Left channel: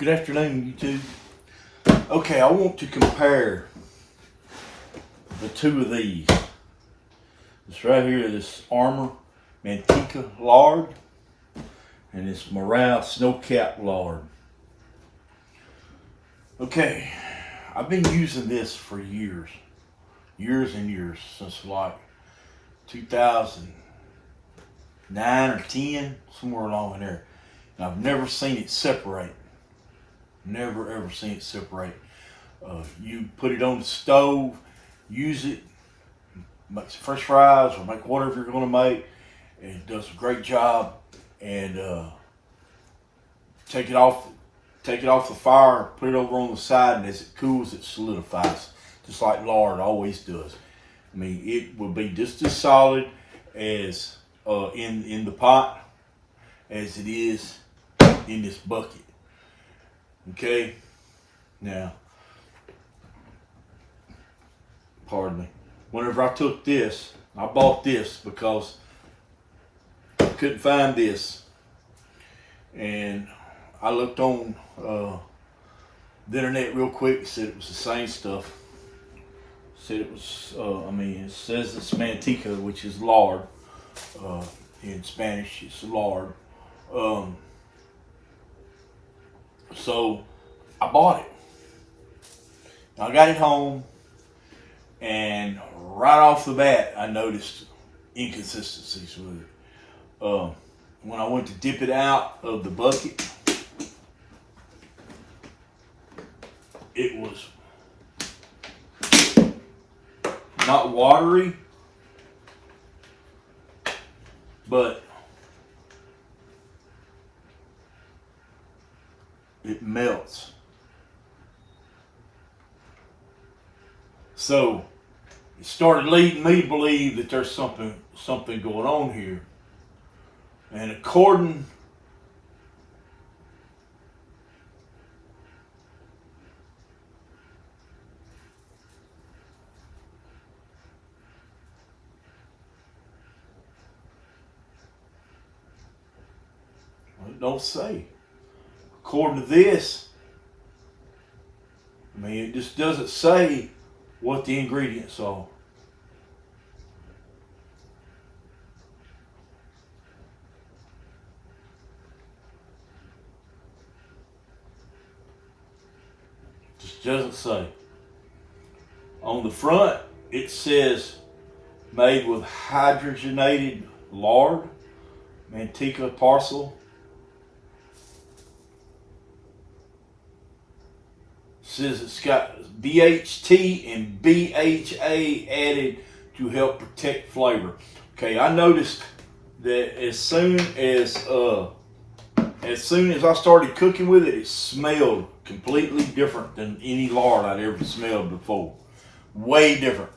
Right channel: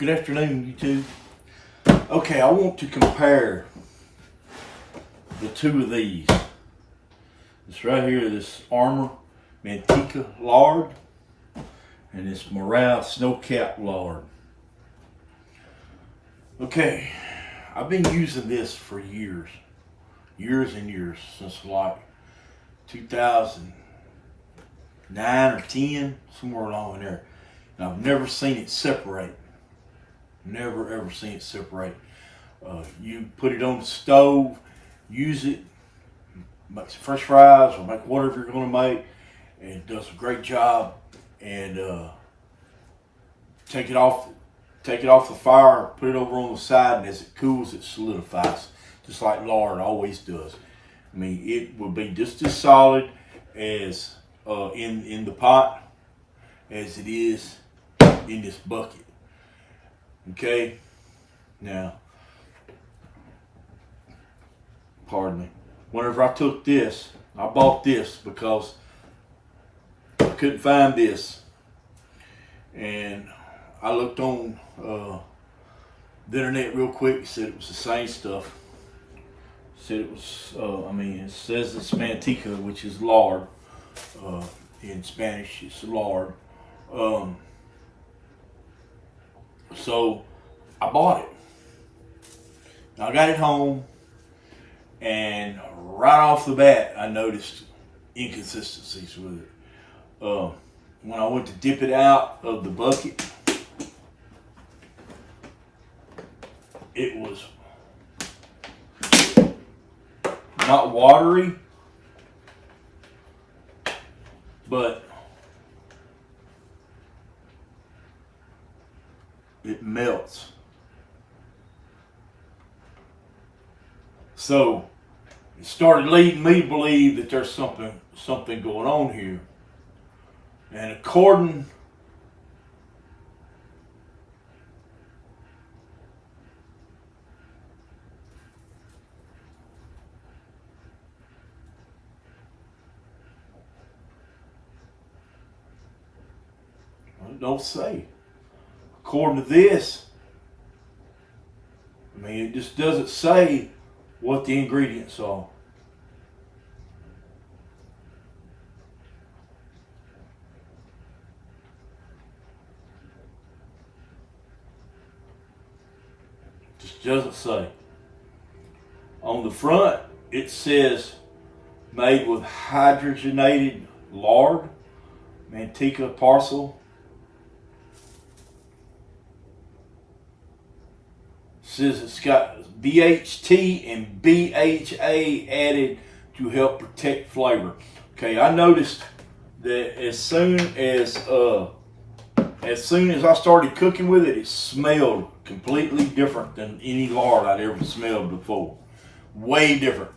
Good afternoon, YouTube. Okay, I want to compare the two of these. This right here, this Armor Manteca lard, and this Morrell snow-capped lard. Okay, I've been using this for years and years, since like 2009 or 10, somewhere along in there. And I've never seen it separate. Never ever seen it separate. You put it on the stove, use it, make some French fries or make whatever you're going to make, and it does a great job. And take it off the fire, put it over on the side, and as it cools, it solidifies, just like lard always does. I mean, it will be just as solid as in the pot as it is in this bucket. Okay, now, pardon me. Whenever I took this, I bought this because I couldn't find this, and I looked on the internet real quick. It said it was the same stuff. It said it was. It says it's Manteca, which is lard. In Spanish, it's lard. So I bought it. I got it home, and right off the bat, I noticed inconsistencies with it. When I went to dip it out of the bucket, it was not watery, but it melts. So it started leading me to believe that there's something going on here. And according well, it don't say. According to this, I mean, it just doesn't say what the ingredients are. Just doesn't say. On the front, it says made with hydrogenated lard, Manteca parcel. Says it's got BHT and BHA added to help protect flavor. Okay, I noticed that as soon as I started cooking with it, it smelled completely different than any lard I'd ever smelled before. Way different.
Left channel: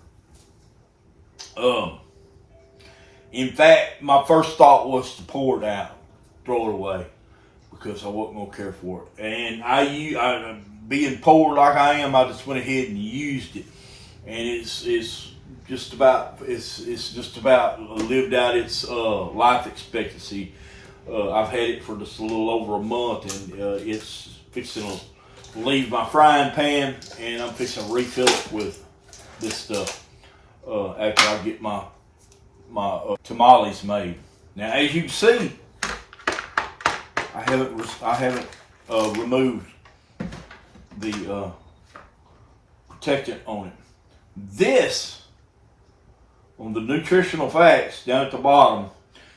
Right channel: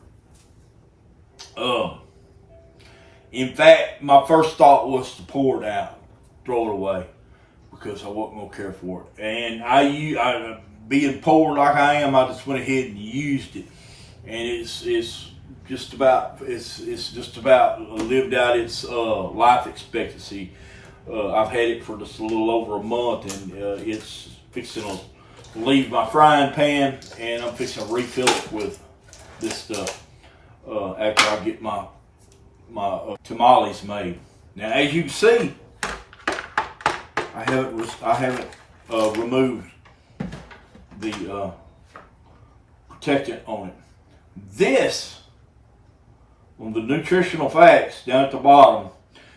In fact, my first thought was to pour it out, throw it away, because I wasn't gonna care for it. And I being poor like I am, I just went ahead and used it, and it's just about lived out its life expectancy. I've had it for just a little over a month, and it's fixing to leave my frying pan, and I'm fixing to refill it with this stuff after I get my tamales made. Now, as you can see, I haven't removed the protectant on it. This, on the nutritional facts down at the bottom,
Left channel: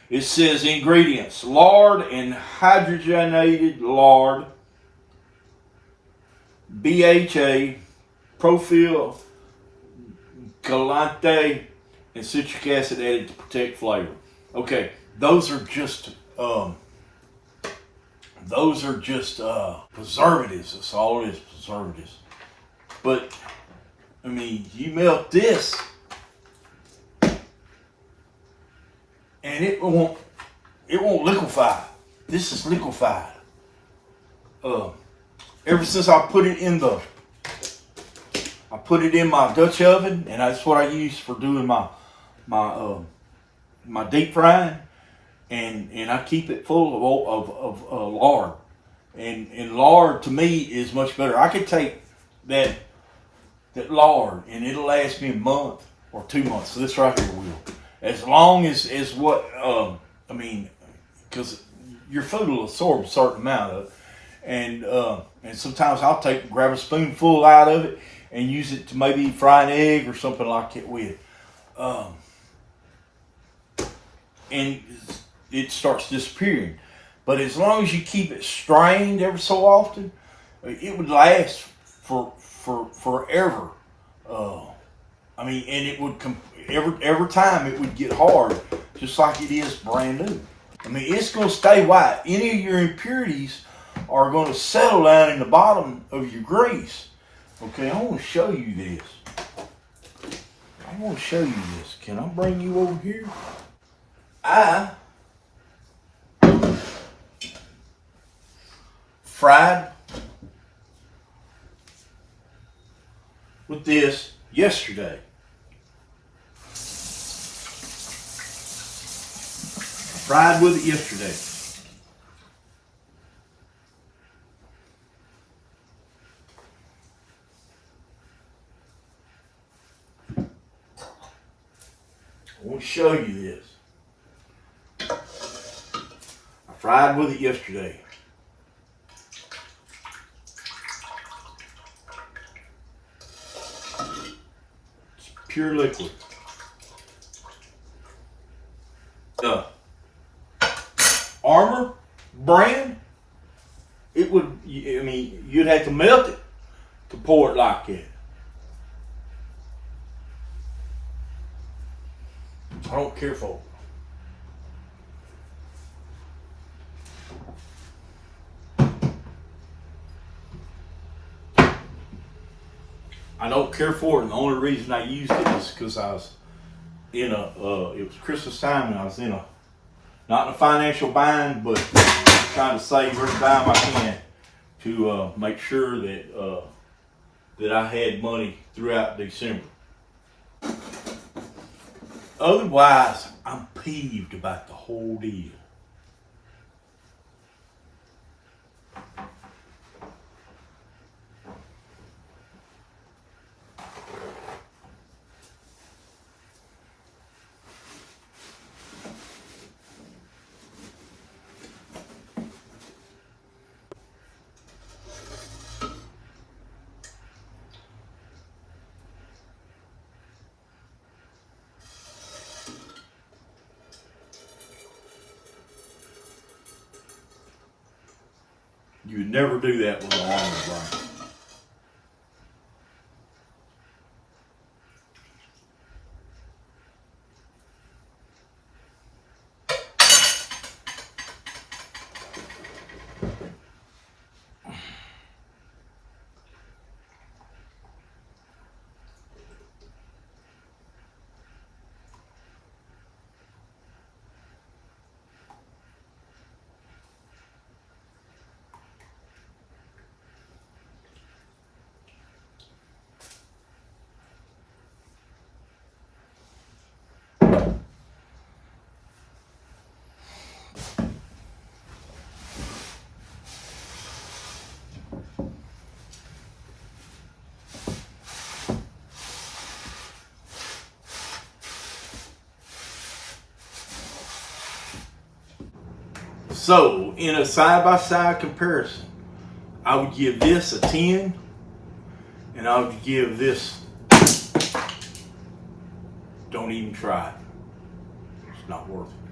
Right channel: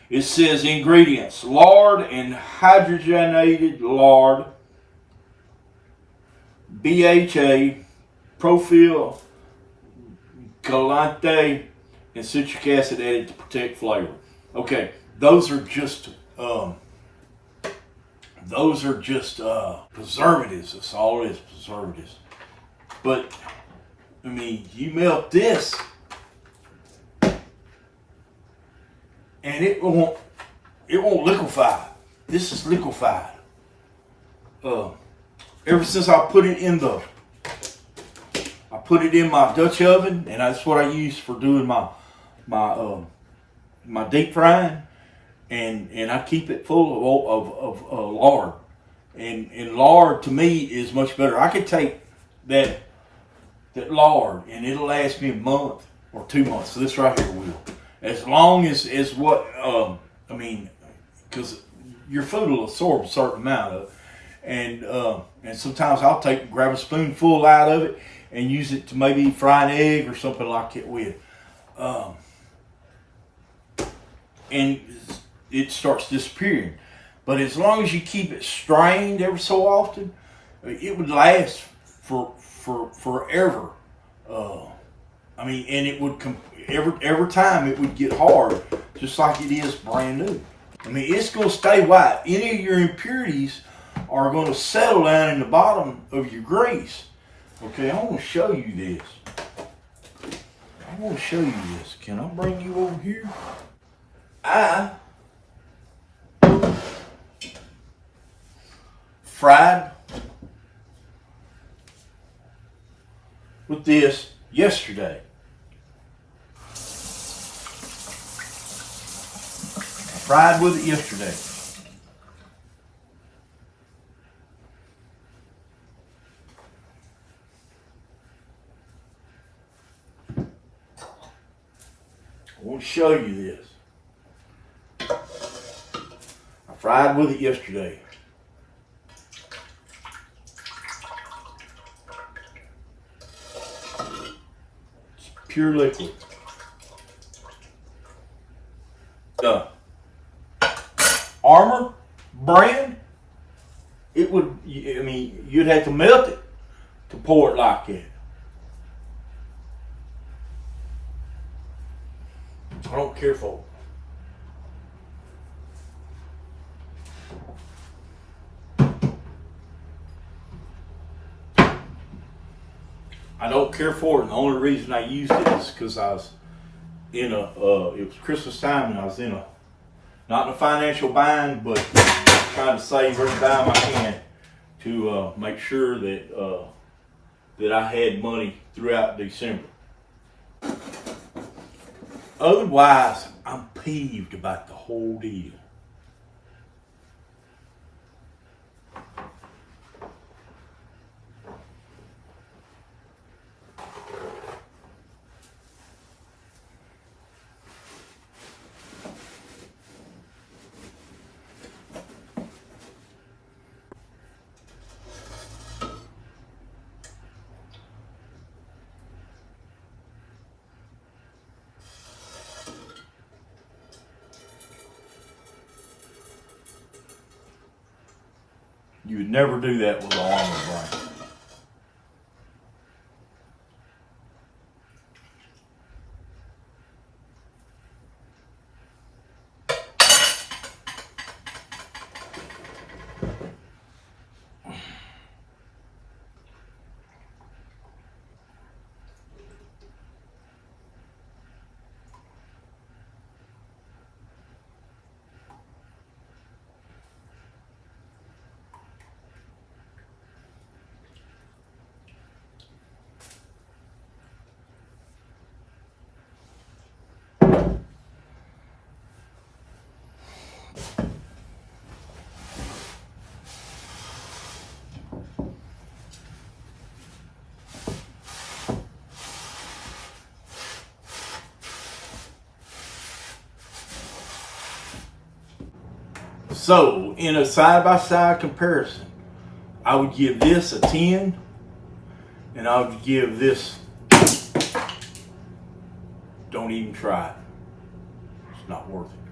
it says ingredients: lard and hydrogenated lard, BHA, propyl galante, and citric acid added to protect flavor. Okay, those are just preservatives. That's all it is, preservatives. But I mean, you melt this, and it won't liquefy. This is liquefied. Ever since I put it in my Dutch oven, and that's what I use for doing my deep frying. and I keep it full of lard, And lard to me is much better. I could take that lard and it'll last me a month or 2 months. So this right here will, as long as what I mean, because your food will absorb a certain amount of it, and sometimes I'll grab a spoonful out of it and use it to maybe fry an egg or something like it with, and it starts disappearing. But as long as you keep it strained every so often, it would last for forever. I mean, and it would every time it would get hard, just like it is brand new. I mean, it's going to stay white. Any of your impurities are going to settle down in the bottom of your grease. Okay, I want to show you this. I want to show you this. Can I bring you over here? I fried with this yesterday. I fried with it yesterday. I want to show you this. I fried with it yesterday. It's pure liquid. Armor brand, it would, I mean, you'd have to melt it to pour it like that. I don't care for it. I don't care for it, and the only reason I used it is because I was in a, it was Christmas time, and I was not in a financial bind, but trying to save every dime I can to make sure that that I had money throughout December. Otherwise, I'm peeved about the whole deal. You would never do that with an armor brand. So, in a side-by-side comparison, I would give this a 10, and I would give this, don't even try it. It's not worth it.